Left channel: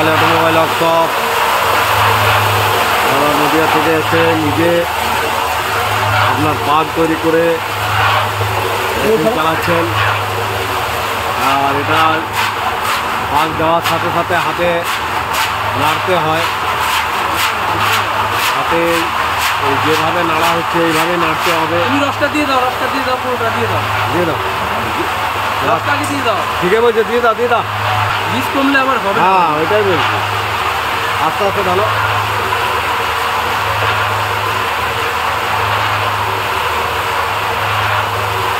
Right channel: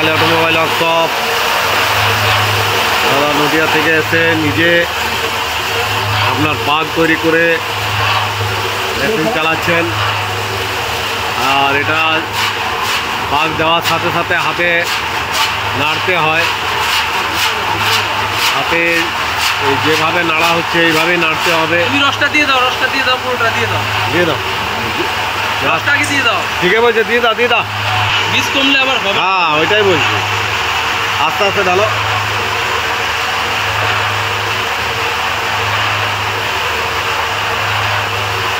Kali automobile workshop. দাদা নদিয়া থেকে এসে নিজে আপনার পাগ তৈরি করে মেশিন চালাচ্ছেন। আর এটা পাগ দেওয়ার সাথে সাথে হাতে নাড়তে হয়। হাতে যেভাবে নাড়া হচ্ছে এইভাবেই নাড়তে হবে। রসটা দিয়ে দাও, রসটা দিয়ে দাও, পুরোটা দিয়ে দাও, দিয়ে দাও, রসটা আগে দিয়ে দাও। ঠিক আছে বলছে, দিয়ে দাও দিয়ে দাও। বীজ কমলে আবার হবে। হ্যাঁ ওইটাই বলছি, আস্তে আস্তে ঢালো।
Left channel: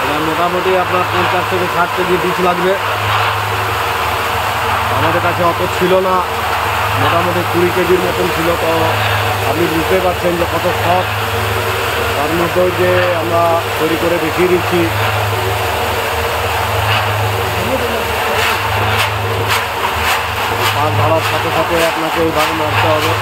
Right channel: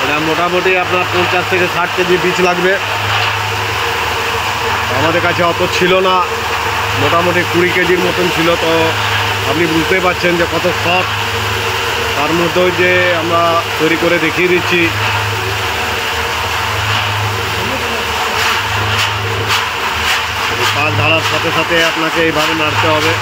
এটা মোটামুটি আপনার 50 থেকে 60 কেজি বীজ লাগবে। আমাদের কাছে অত ছিল না, মোটামুটি 20 কেজির মতন ছিল। তো আপনি বুঝতেই পারছেন যে কত শখ। তার মধ্যেও যে আমরা তৈরি করে দেখিয়ে দিচ্ছি। পাক ঢালার সাথে সাথে আপনাকে এইভাবে নাড়তে হবে।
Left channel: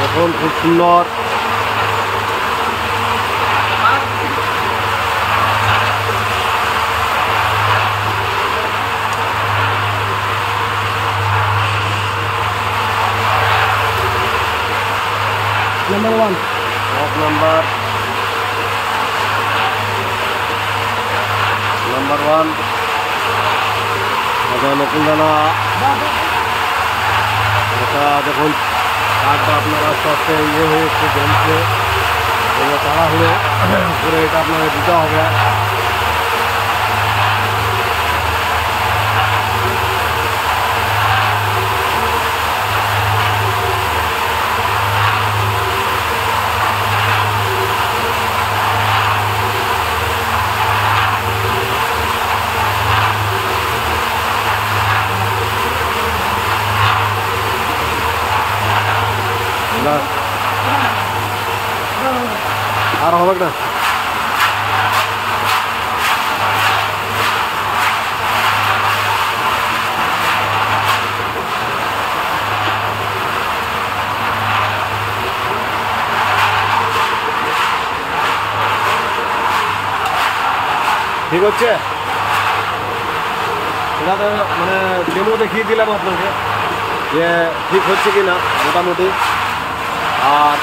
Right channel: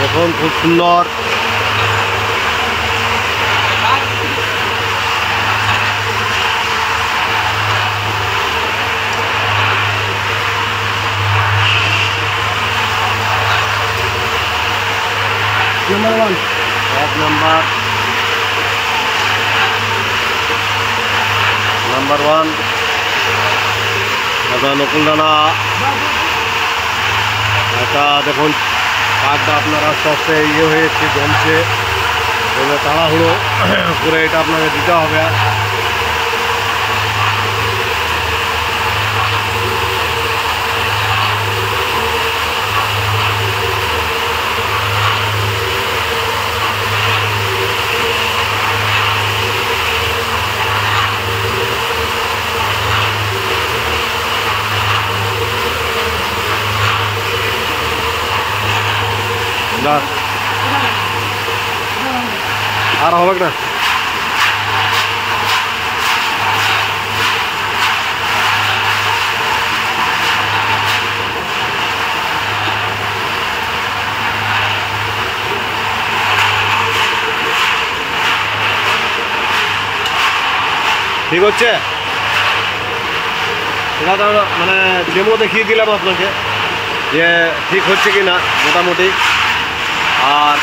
দেখুন খুব সুন্দর। নাম্বার 1 নাম্বার 1 দাদা নকুল দানা। এটা দেখুন কাকটা আপনার আস্তে আস্তে হয়ে এসছে, জমছে। তাড়াহুড়ো করে এটা আপনাকে দিতে হবে। আর হবে না। ঠিক হচ্ছে, এটা তো মানে ডেমো দেখিয়ে দিলাম আপনাকে যে ঠিক হচ্ছে কি না মোটামুটি। আর